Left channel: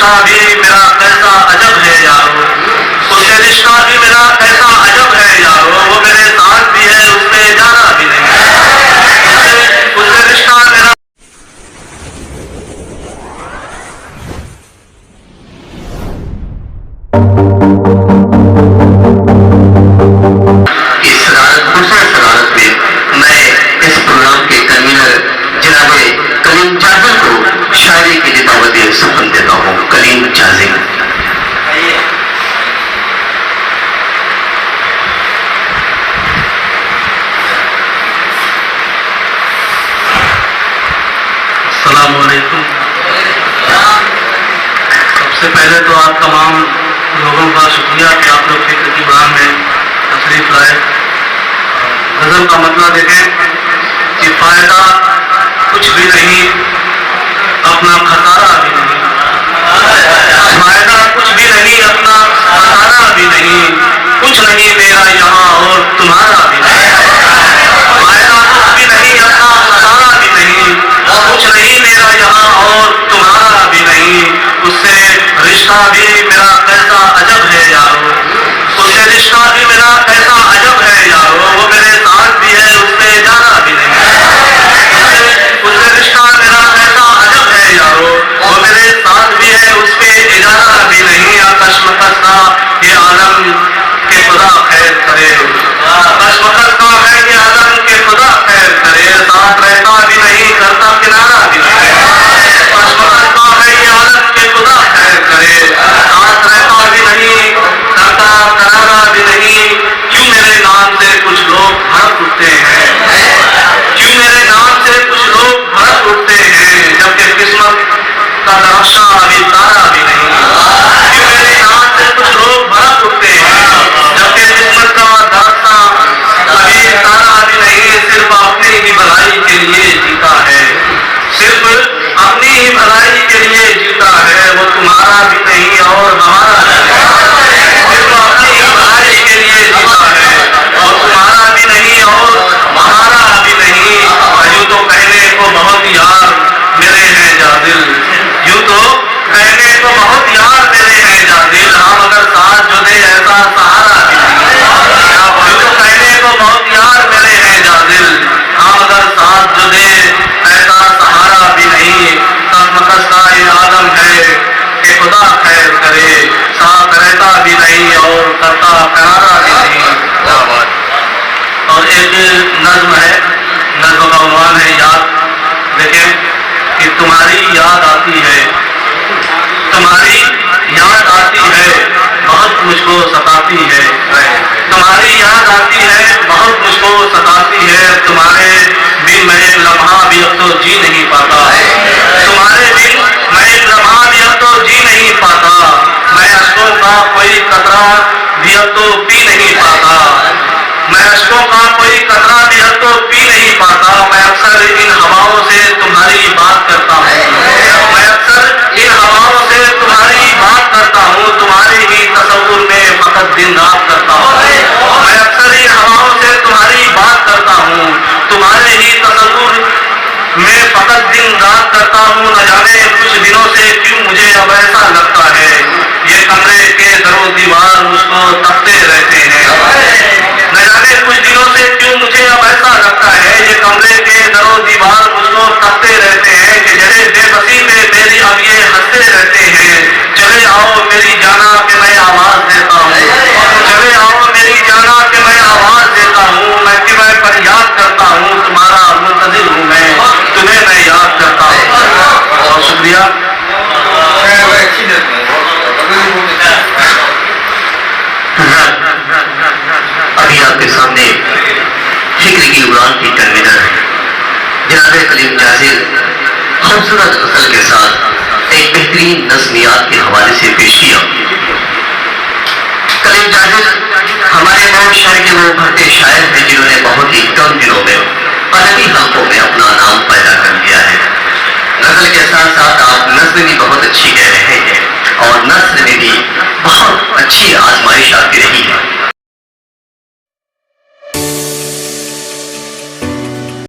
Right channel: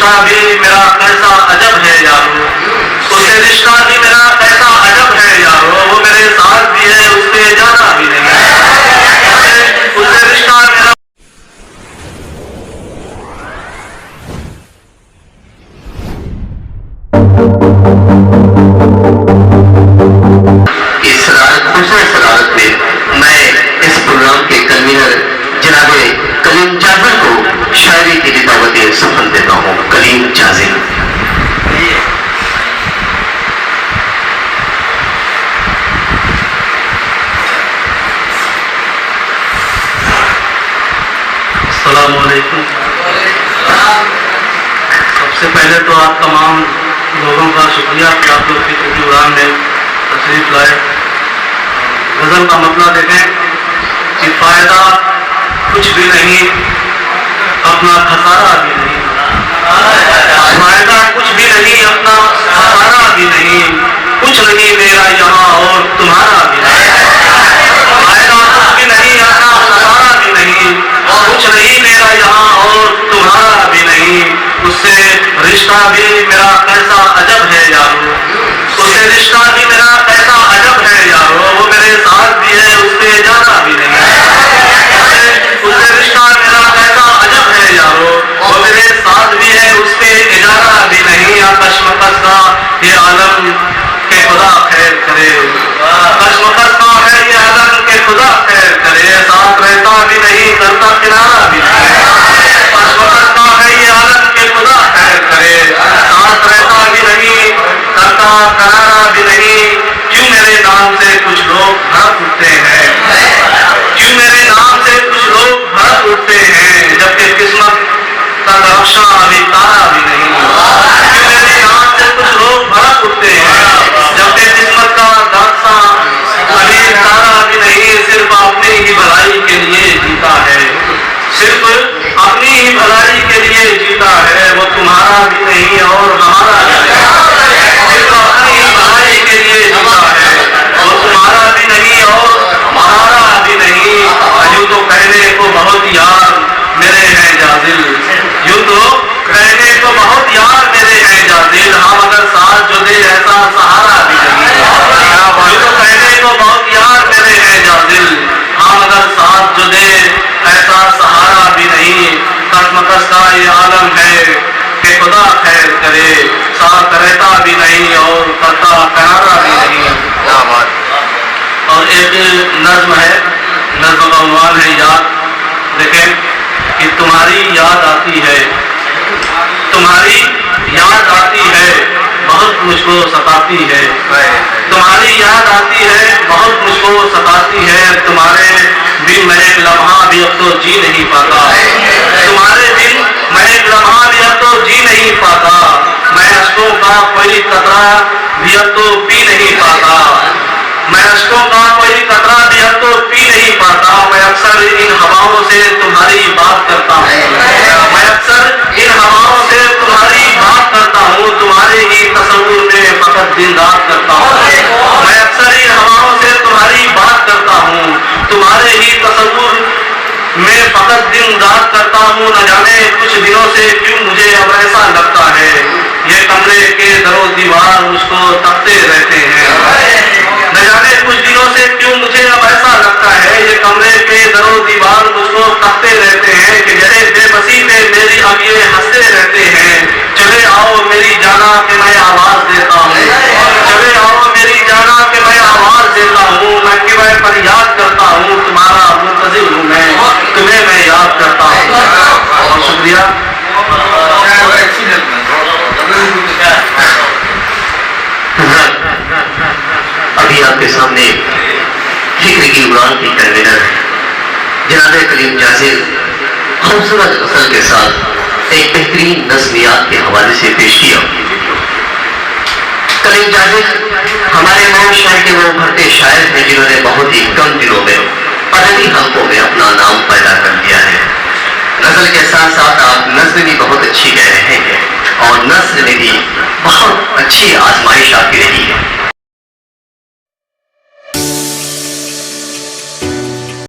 رشتہ بھی میرا کیسا عجب ہے یارو، اس سے رشتہ بھی میرا کیسا عجب ہے یارو، وہ میرے ساتھ بھی ہے اس سے جانا بھی نہیں، اس سے رشتہ میرا. دوسرے صدارت میں میں اس پروگرام کے کنوینر جناب کلیم جازل کو شاعری کی دعوت سخن دیتا ہوں. کلیم جازل. السلام علیکم. سب سے پہلے تو آپ تمام لوگوں کا شکریہ کہ آپ لوگ فکر کی اڑان میں تشریف لائے. غزل کا مطلب دیکھیں کہ فائدہ کچھ بھی نہیں، اپنا خسارہ بھی نہیں. فائدہ کچھ بھی نہیں، اپنا خسارہ بھی نہیں، کچھ نہیں میرا یہاں اور تمہارا بھی نہیں. فائدہ کچھ بھی نہیں، اپنا خسارہ بھی نہیں، کچھ نہیں میرا یہاں اور تمہارا بھی نہیں. اس سے رشتہ بھی میرا کیسا عجب ہے یارو، اس سے رشتہ بھی میرا کیسا عجب ہے یارو، وہ میرے ساتھ بھی ہے اس سے جانا بھی نہیں. اس سے رشتہ میرا کیسا عجب ہے یارو، وہ میرے ساتھ بھی ہے اس پہ اجازہ بھی نہیں. کشمکش کا یہ عالم کہ خدا خیر کرے، کشمکش کا ہے یہ عالم کہ خدا خیر کرے. ساتھ رہتا بھی نہیں، کرتا کنارہ بھی نہیں. کشمکش کا ہے یہ عالم کہ خدا خیر کرے، ساتھ رہتا بھی نہیں، کرتا کنارہ بھی نہیں. کیوں میرے نام سے کچھ لوگ بھڑک اٹھتے ہیں، کیوں میرے نام سے کچھ لوگ بھڑک اٹھتے ہیں، جبکہ قسمت کا نقشہ ابھی تارا بھی نہیں. کیوں میرے نام سے کچھ لوگ بھڑک اٹھتے ہیں، جبکہ قسمت کا نقشہ ابھی تارا بھی نہیں. صرف اپنی ہی بھلائی کے لیے جیتا ہے، صرف اپنی ہی بھلائی کے لیے جیتا ہے، وہ تمہارا بھی نہیں اور ہمارا بھی نہیں. صرف اپنی ہی بھلائی کے لیے جیتا ہے، وہ تمہارا بھی نہیں اور ہمارا بھی نہیں. یوں تو کہنے کو بہت یار میرے ہیں جادل، یوں تو کہنے کو بہت یار میرے ہیں جادل، ہم اگر ساتھ جو دے ایسا سہارا بھی نہیں. یوں تو کہنے کو بہت یار میرے ہیں جادل، ہم اگر ساتھ جو دے ایسا سہارا بھی نہیں. کشمکش کا یہ عالم ہے کہ خدا خیر کرے، ساتھ رہتا بھی نہیں اور کرتا کنارہ بھی نہیں. اور ایک نظم ہے، نظم کا عنوان ہے یاد. دیکھیں کہ تمہاری یاد آتی ہے، تمہاری یاد آتی ہے، بہت مجھ کو ستاتی ہے. تمہاری یاد آتی ہے، بہت مجھ کو ستاتی ہے. تمہارے بن میں ایک لمحہ بھی اب تو جی نہیں پاتا، تمہارے بن میں ایک لمحہ بھی اب تو جی نہیں پاتا. میں اشکوں کا کوئی قطرہ بھی اب تو پی نہیں پاتا، میں اشکوں کا کوئی قطرہ بھی اب تو پی نہیں پاتا. میں اکثر ان ہواؤں سے تمہاری بات کرتا ہوں، میں اکثر ان ہواؤں سے تمہاری بات کرتا ہوں. تمہارے ہی تصور میں فقط دن رات کرتا ہوں، میں اکثر ان ہواؤں سے تمہاری بات کرتا ہوں. تمہارے ہی تصور میں فقط دن رات کرتا ہوں. نہ جانے کچھ دنوں سے کیوں مجھے اب ایسا لگتا ہے، یہ کمرے کے در و دیوار مجھ کو تکتے رہتے ہیں. نہ جانے کچھ دنوں سے کیوں مجھے اب ایسا لگتا ہے، یہ کمرے کے در و دیوار مجھ کو تکتے رہتے ہیں. کہ جیسے بے بسی میں میری اب یہ ہنستے رہتے ہیں. چلے آؤ میری جانا کہ میں آواز دیتا ہوں، چلے آؤ میری جانا کہ میں آواز دیتا ہوں. میں کہ پر یاد کرتا ہوں، تمہارا منتظر ہوں میں، تمہیں میں یاد کرتا ہوں. بہت شکریہ. ابھی آپ کے سامنے فکر کی اڑان کی کنوینر جناب کلیم جازل خوبصورت غزل کے ساتھ ایک بہترین نظمیات کے حوالے سے پیش کیا. کلیم جازل ہمارے نام شاعر کے وہ بھرتے شاعر ہیں جنہوں نے بہت ہی کم دنوں میں ادبی حلقوں میں اپنا نام پیدا کر لیا ہے. غزل کے ساتھ ساتھ آپ نثر بھی بہت اچھی کہہ رہے ہیں اور نثر میں بھی بہت اچھی آزمائش آپ کی رہی ہے.